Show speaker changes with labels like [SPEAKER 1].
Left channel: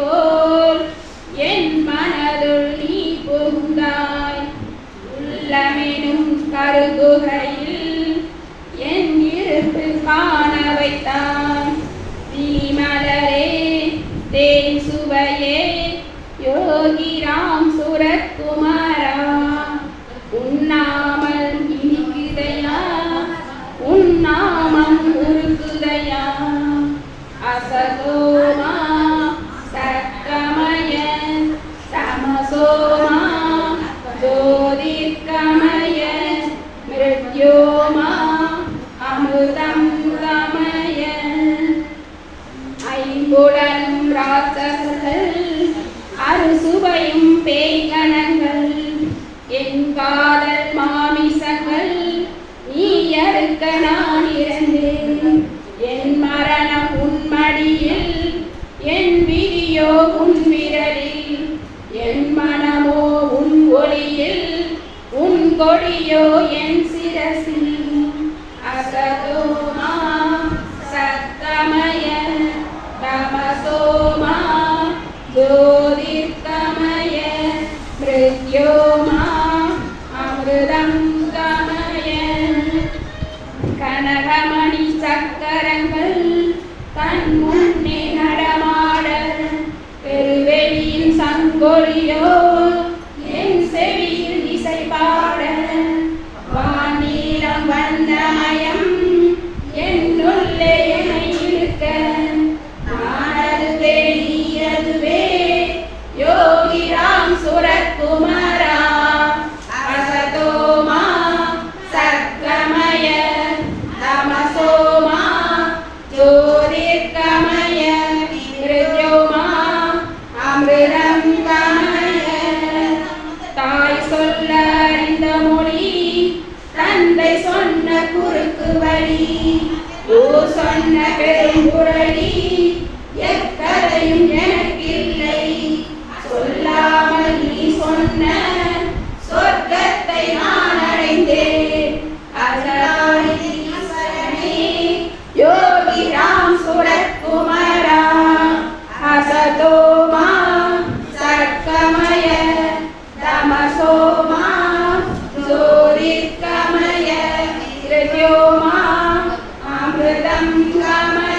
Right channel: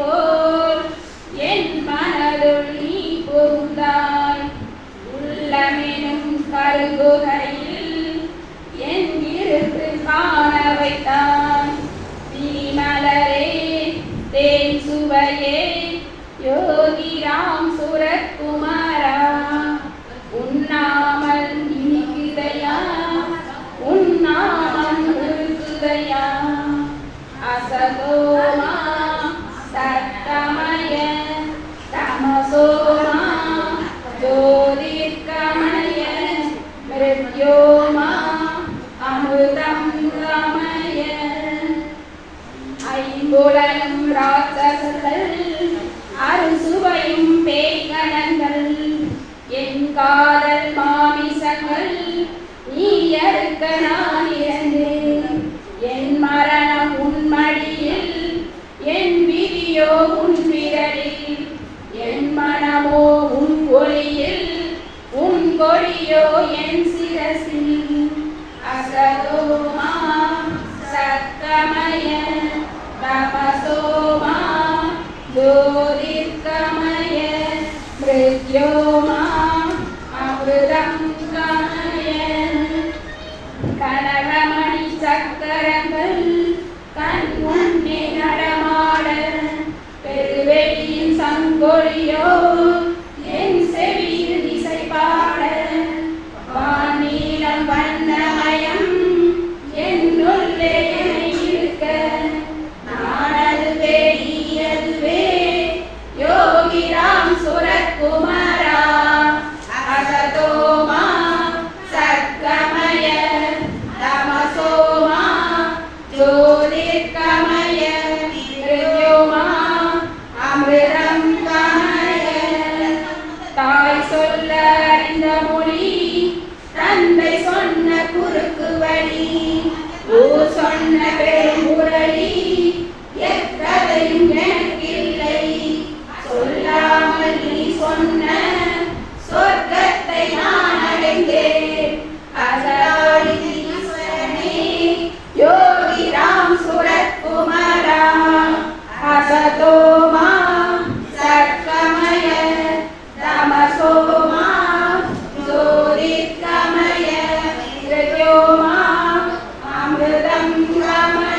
[SPEAKER 1] போல் என் மனதுள் நீ புகுந்தாய். உள்ளமெனும் கருகுகையில் என் இருப்பு காண வைத்தாய் தீமலரே தேன் சுவையே யோகிராம் ராம் மிருத்யோமா அமிர்தம் கமய ஐம்புலனும் ராட்சசர்கள் அறுசுவையும் பேய்கணங்கள். என் காதல் மாமிசங்கள் நீ அறுக்க நான் இறந்தேன். என் மரணம் உன் என் விதியோ உன் விரலில். என் மனமோ உன் ஒளியில் உன் கொடியோ என் പ്രത്യോ മാമൃതം കായൻ കനകമണി ചക്കരങ്ങൾ കൺമുന്നിൽ നടമാട പെരുവെളിയിൽ സങ്കൊഴിയോ Oh, son. Islam